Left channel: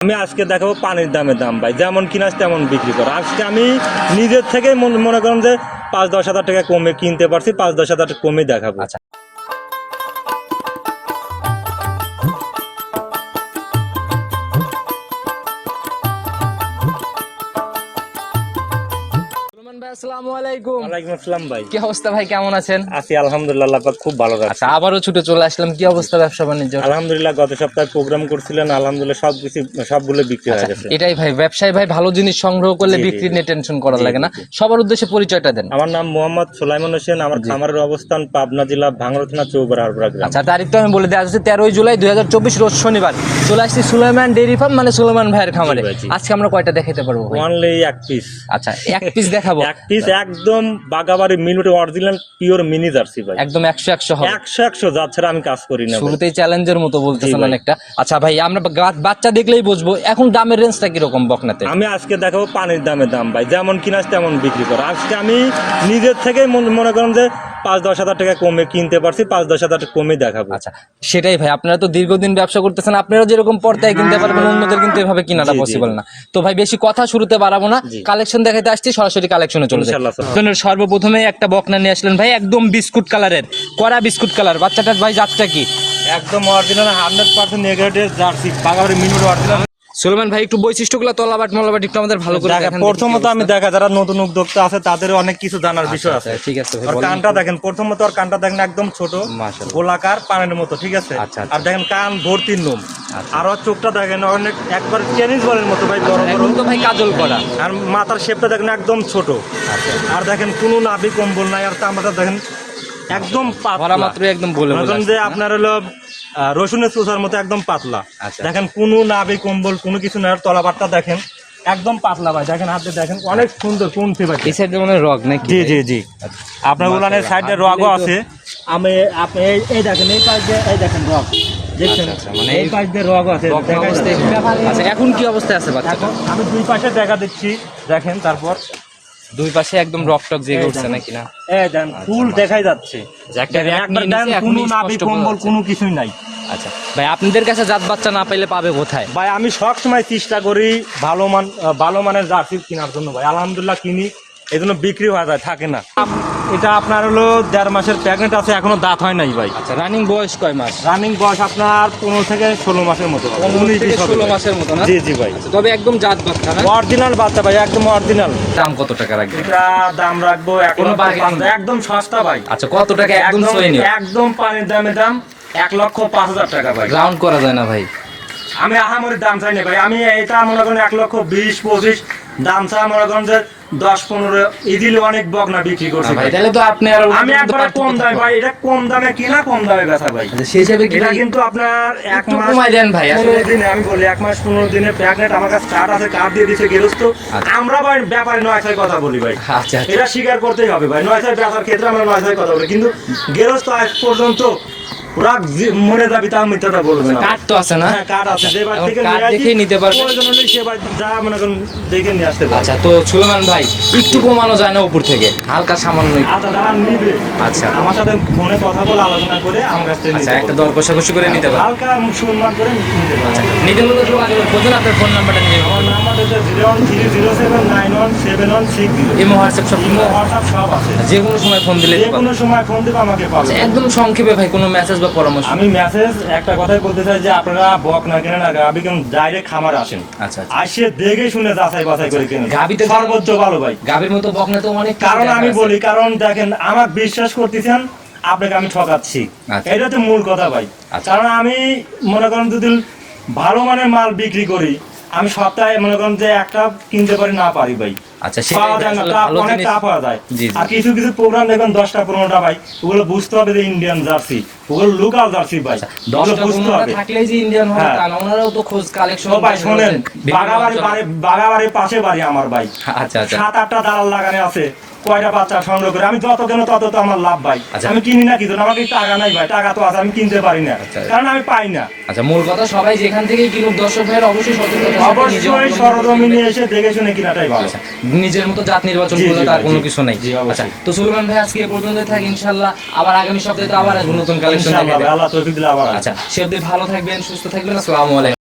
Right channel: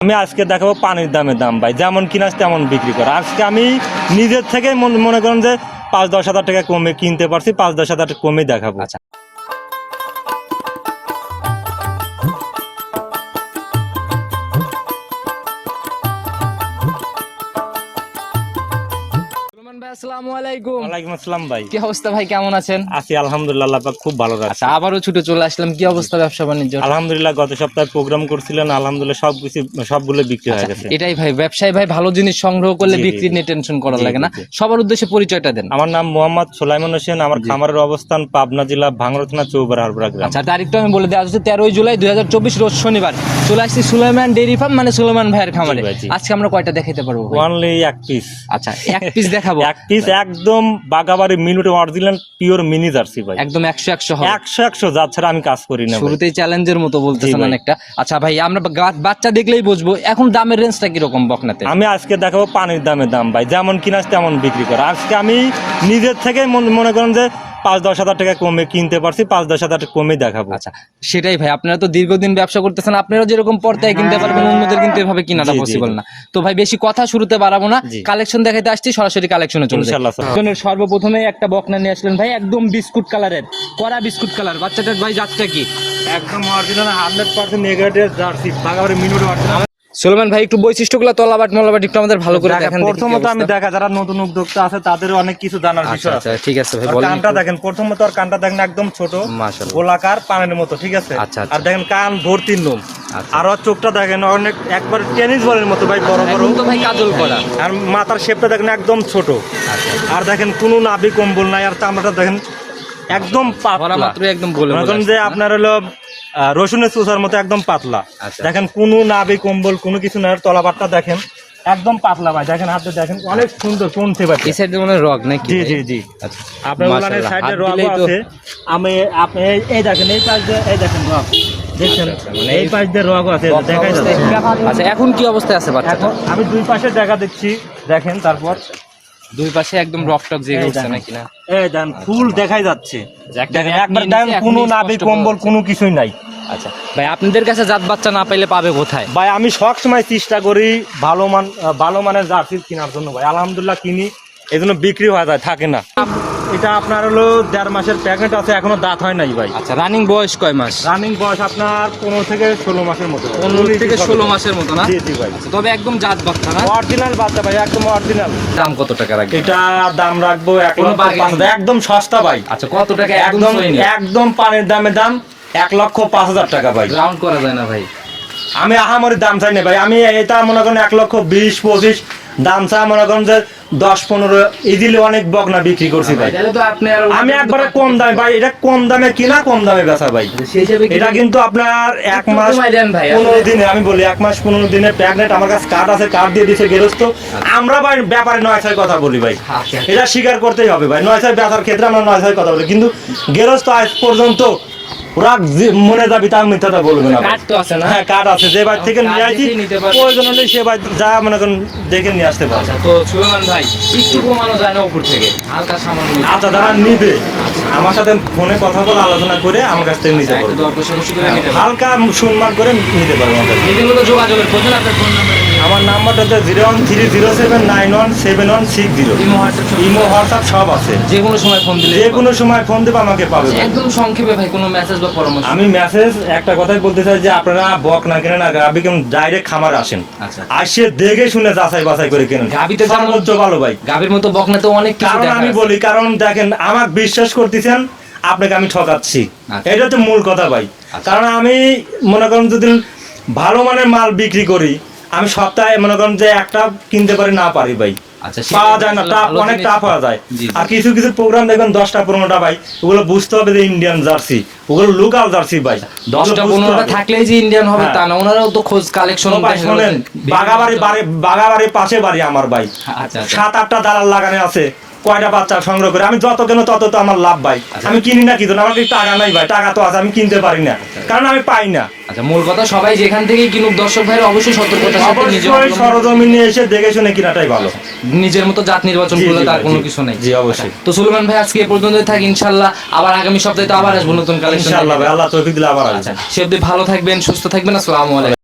আমি আজকে দেখাবো পানির দামের দাম, ভাই। যেমন কিনাস তেমন বিক্রি করো। আজকে আমি নিজের থেকে মনে করেন যে পাঁচ দশ হাজার টাকা কমে কিনতে পারছি, পাঁচ দশ হাজার টাকা কমে দেখাবো। আচ্ছা। ভাই আসসালামু আলাইকুম। ওয়ালাইকুম আসসালাম ভাই। কি অবস্থা ভাই কেমন আছেন? আছি আলহামদুলিল্লাহ পাক খুব ভালো আচ্ছা ছুটে চলে আসলাম কি অবস্থা ব্যবসা বাণিজ্য? আলহামদুলিল্লাহ গত সপ্তাহে প্রোগ্রাম করছিলেন আলহামদুলিল্লাহ সব কিছু সবগুলো বিক্রি হয়ে গেছে। এটাই ভাই ব্যবসায়ী ভাই ভালো জিনিস সংগ্রহ করলে জি, জি, বিক্রি নিয়ে টেনশন করা লাগে না। সবার উদ্দেশ্যে পরিচয়টা দেন। আমার নাম মোহাম্মদ সোলাইমান হোসেন আমার খামারের অবস্থান পাবনা জেলা ভাঙড়া থানা গ্রাম। আচ্ছা তারিখটা আমি বলে দেওয়া যাচ্ছে তেরোই জুলাই দুই হাজার চব্বিশ রোজ শনিবার। চলে আসছি সুলাইমান ডেরি ফার্ম মানে সুলেমান ভাইয়ের খামারে। আজকে আমরা কয়টা দেখাতে পারব অনলি এক পিস আচ্ছা এক পিস দেখাবো। এক পিস একদম বাগাবাড়ি মিনুটে অরিজিনাল পিওর মিনি জার্সি ভাই। একদম একশো একশো হবে। একশো একশো যা ছাড়া আমি কাজ করি না। শুরুতেই চ্যালেঞ্জের মতো বলতেছেন অনেকটা। আচ্ছা ভাই আমরা বাচ্চা দেখলেই বুঝব এখন দামের রেঞ্জটা কীরকম বকনাতে? আমি আজকে দেখাবো পানির দামের দাম ভাই। যেমন কিনাস তেমন বিক্রি করো। আজকে আমি নিজের থেকে মনে মনে করেন যে পাঁচ দশ হাজার টাকা কমে কিনতে পারছি পাঁচ দশ হাজার টাকা কমে দেখাবো। আচ্ছা সেটাই ভাই আপনারা তো দীর্ঘদিন ব্যবসা করতেছেন আপনারা যেরকম পর্দায় কিনতে পারবেন অন্যদের কিন্তু এভাবে কিনাটা পসিবল না। তো ভাই বেশি কথা শুরুতে বাড়াবো না কালেকশন দেখাতে আসছি সরাসরি কালেকশনে চলে যাই। সর্বপ্রথমে একটা বকনা নিয়ে আসলেন ভাই একদম বিস্কুট কালারের কড়া বিস্কুট কালার। বাচ্চাটার ভাই জাতটা কি? একদম original hundred percent negative Jersey Bagabari minute Suleman ভাই একটু বৈশিষ্ট্যগুলো তলাবাট মলাবাট একটু আমাদের ভালো করে দেখান দেখি প্রথমত আমি দেখা যারা নতুন উদ্যোক্তা আছে তাদেরও অনেক কিছু জানার বিষয় আচ্ছা, আছে। আচ্ছা, ঠিক আছে ভাই আর কানটা দেখেন প্রথমত আর কানটা দেখেন একদম ছোট মাশাআল্লাহ। গোলাকার পানের মতো ঠিক আছে? আচ্ছা, আচ্ছা। আর দেখেন কান ভর্তি নুম আচ্ছা। আর ওর চোখটা দেখেন অনেক একবার টেনিস বলের মতো ভাই বড় আচ্ছা, একদম তো ভাই কাজল করা। আর মাথার শেপটা দেখেন একদম ছোট। আচ্ছা। আর দেখেন কোনো নাভি কম্বল নাই আর চামড়াটা দেখেন একদম পাতলা। মাত্র একদম বলে যে আপনার হলো রসুনের চোষার মতো একদম পাতলা। আচ্ছা। দেখেন কোনো নাভি কম্বল কোনো কিছু না তলাবারটা দেখেন একদম পাতলা ভাই। দেখেন হাতে দেখেন অনেক সুন্দর পৌঁছে পাচ্ছে এই সাইডে মানে রগ নাকি জি জি জি। আচ্ছা। আপনার উলানের সাইডে রগও আছে। আমি আপনি এই- দেখেন এই পাশ দিয়ে এই দেখেন রগ। দেখছেন? আচ্ছা, আচ্ছা, মানে এই পাশ দিয়ে রগও আছে আচ্ছা এখন কি অবস্থায় আছে বাচ্চাটা? আমি দুই পাশে দেখা দিচ্ছি। দেখেন তারপর দুই পাশে একদম রক টক জেগে উঠছে নাকি না? এই দেন ফুল দেখাই যাচ্ছে। আচ্ছা, দেখেন, জাত একবার এখন কোনো নাভি কম্বল কোনো কিছুই নাই। আচ্ছা ভাই আপনাদের কাছে জাত বাচ্চা না পাইলে পাবে কোথায়? ভাই আমি সব সময় চেষ্টা করি ভালো মান ভালো মানের জার্সি কেনার জন্য। ভাই আলহামদুলিল্লাহ কিনি এই জন্য বিক্রি হয়ে যায় থাকে না। এটা আপনার হলো দেড় মাসের প্যাকেট আছে এখনও দাঁত হয় নাই ভাই। আচ্ছা রানিং বয়স কয় মাস? রানিং বয়স আপনার পনেরো থেকে ষোলো মাসের মতো। পনেরো থেকে ষোলো মাসের মতো না? জি জি ভাই। আচ্ছা, তবে একদম জাত বাচ্চা না? অরিজিনাল বাচ্চা ভাই একদম অরিজিনাল দাম কত টাকা রাখবে এটা দাম রাখব কোনো একদম সস্তা ভাই। আচ্ছা কত টাকা একদম একদম পানির দামের দাম এক লক্ষ পাঁচ হাজার টাকা ভাই। রাউন্ড করা যায় না ভাই। আমি আহামরি দাম চাই না ভাই। আমি এটা মনে করেন এক লক্ষ বিশ পঁচিশ দাম মনে করেন যে দশ পনেরো ইজিলি অনেক বকনা বিক্রি করছি ভাই। তাহলে তো আপনি আমি একবারে কম দামে ভাই এটা কম দামে কিনা কম দামে বেচা ভাই। সেই হিসেবে এটা কিন্তু আপনার এক মাস ভাই, পনেরো দিনে আমি বলি এক মাস পনেরো দিনে প্রেগনেন্ট আমার কাছে কার্ড আছে কার্ড দিয়ে দিচ্ছে গেরস্ত। আমরা ভাই ব্যাপারে নয় ছয় কথা বলি ভাই। আচ্ছা। এটা স্বীকার করতেই হবে ভাই নয় ছয় বেচার ক্ষেত্রে আমরা নয় ছয় কথা বলি। কিন্তু গেরস্ত আজ পর্যন্ত ওরা যে- যাবি তার মিথ্যাটা বলবে না। কার্ড তো আছে না? হ্যাঁ কার্ড আছে। যে ভাই থেকে নিয়ে আসি নিতে পারবে। প্রয়োজন হলে সে ভাই যা মনে করেন দেখে নিয়ে আসতে পারবে। আচ্ছা তো সুলেমান ভাই একটু কমানো যায় না উপর থেকে। হালকা সামান্য আচ্ছা তারা নিবে। আচ্ছা। আমার সাথে ফোনে কথা বলে আলোচনা করে আমার কাছ থেকে নিতে একটা দর কষাকষি করে নিতে হালকা সম্মান করে নিতে পারবে। আপনার ফোন নাম্বারটা নিয়ে আমার নাম্বারটা হচ্ছে zero one three zero seven nine one seven one six zero imo WhatsApp imo WhatsApp সব আছে। যে কোনো সময় ফোন দিলে যে কোনো সময় ফোন দেবে আমাকে পাবে। একদম সংক্ষেপে ভাই কোনো মেসেজ বা পরামর্শ? আমি মেসেজ একটা কথাই বলতে চাই যে আপনারা বক না কেনেন না গাবি কেন ডাইরেক্ট খামার আসেন। আচ্ছা। আসে দেখে শুনে যাচাই বাছাই করে কেনেন। গাভী তো সর্বোচ্চ ভালো ভাই। গাভীর মতো বকনা তো অনেক কারণ আমি বলি কারণ দেখেন আমার বিশ্বাস করতেছেন আপনাকে আমি ঠকাচ্ছি। আচ্ছা। এটা তো মূল কথা ভাই। আচ্ছা। কারণ আমি মনে করেন যদি ভালো মানের মাল বিক্রি করি আমি সপ্তাহে মনে করেন যে একটা কিনতে পারি না পারি ভাই। আচ্ছা পাওয়া যায় না আসলে অনেক জিনিস- পাওয়া যায়। জি, জি। আর কিছু কিছু প্রোগ্রাম দেখবেন দশটা পনেরোটা ভাই ওগুলো বুঝতে হবে যে ইন্ডিয়ান জার্সি ওগুলো লোকাল জার্সি ভাই আচ্ছা, দশটা পনেরোটা থাকলেই যে ইন্ডিয়ান হবে হ্যাঁ। তা না ওনারাও তো খোঁজ কালেকশন ভাই শোনেন বাগাবাড়ি বাড়ি বাগাবাড়ির পাশে বাড়ি আমার ভাই। আচ্ছা সাত আটটা দালাল লাগানো আছে কয়টা বাচ্চা সংগ্রহ করে। আমি যত কেন তত তো আমার লাভ ভাই। আমি কিনি না কিন্তু আমার টাকা নাই ভাই টাকা তো আছে আমি কিনতে পারি না। কারণ আমি পাই না। আচ্ছা মূল কথা সবাই যেখান থেকেই কিনুক দর্শক ভাইয়ের অবশ্যই সতর্কতা অবশ্যই সরজমিনে এসে দেখে শুনে কিনাটাই ভালো। নিজের মতো জাত নির্বাচন করলে তার কোনো কিছু নেই। জি, অবশ্যই। আচ্ছা, তো সুলেমান ভাই আজকে এ পর্যন্ত থাকি ইনশাল্লাহ আবার আগামী সপ্তাহে তো আবার আসব নতুন কালেকশন আল্লাহ তৌফিক দিলে আবার আচ্ছা সে অব্দি ভালো থাকবেন সুস্থ থাকবেন আসসালামু আলাইকুম।